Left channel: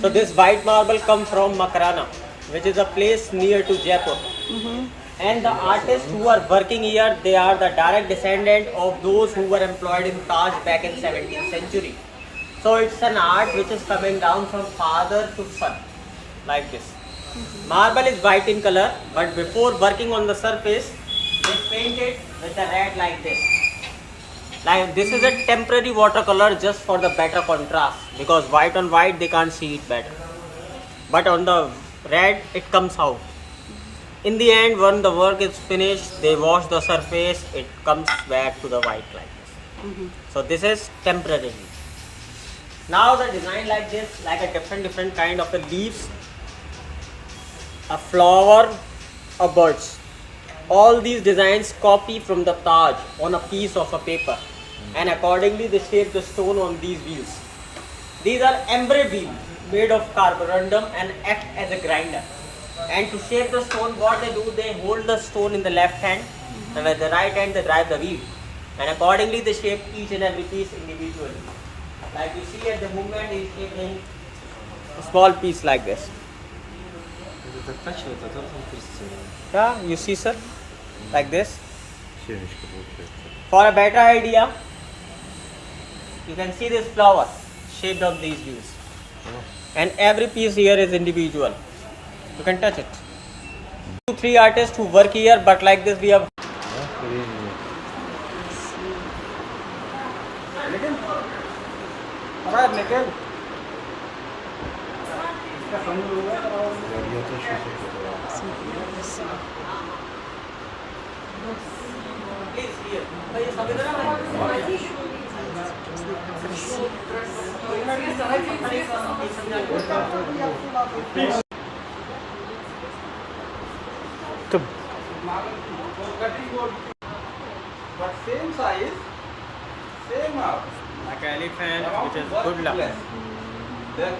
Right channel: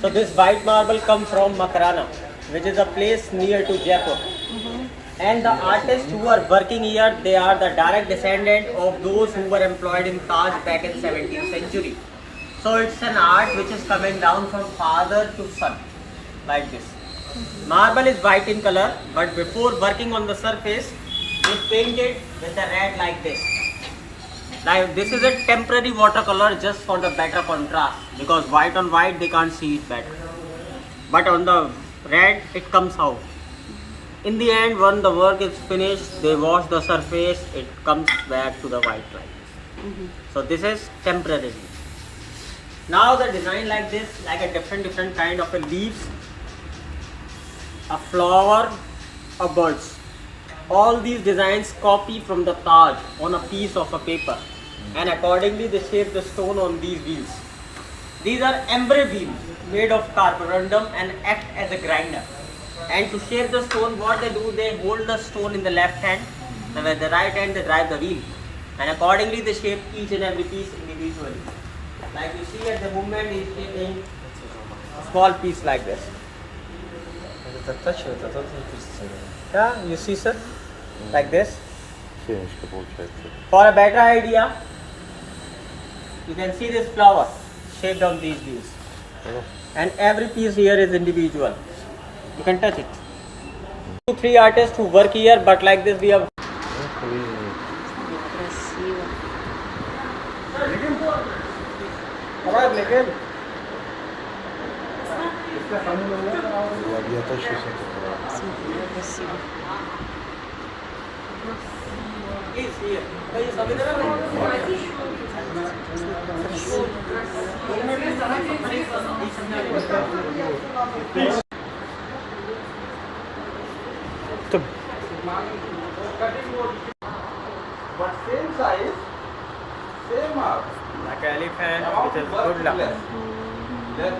So this white marble comes from Makarana, which is a place near to Jaipur. And the artists who are working here, they are the direct descendant of those who were employed in Taj back in 17th century. So it's an art which is coming down from father to son, like this. Marble is white in color, but before working on the surface, they paint it with the red like this. Now this is a temporary watercolor just for the better contrast, because white on white they can't see it better. But on the red it comes out. In the end, when the work is finished, they wash the surface, it comes back to the white line. So this is temporary. Now the design like this, like a different kind of a leaves, a flower, a birds. All these designs copy from the Taj on a piece of a paper, and accordingly they shape the stone on these wheels. These are embraid wheels made of carborundum and act as a grinder. And to shape the stone, what they do, they hold the stone in the left hand, and with the right hand they drive the wheel. And accordingly they shape each and every piece individually. Like you see at the moment, he is shaping a small piece like this. Это так тачивает, а тот не крестили. Yeah, you see, sir, like this. Семечко получается. For a better idea, you can see this flower shaped on these wheels. And every piece here is individual. You can touch it. 2-3 artists who work here, but like this we have. Красиво. Я точно все такое. Смотри, как красиво. But same size, same mark. Like elephant, which is good luck. Left.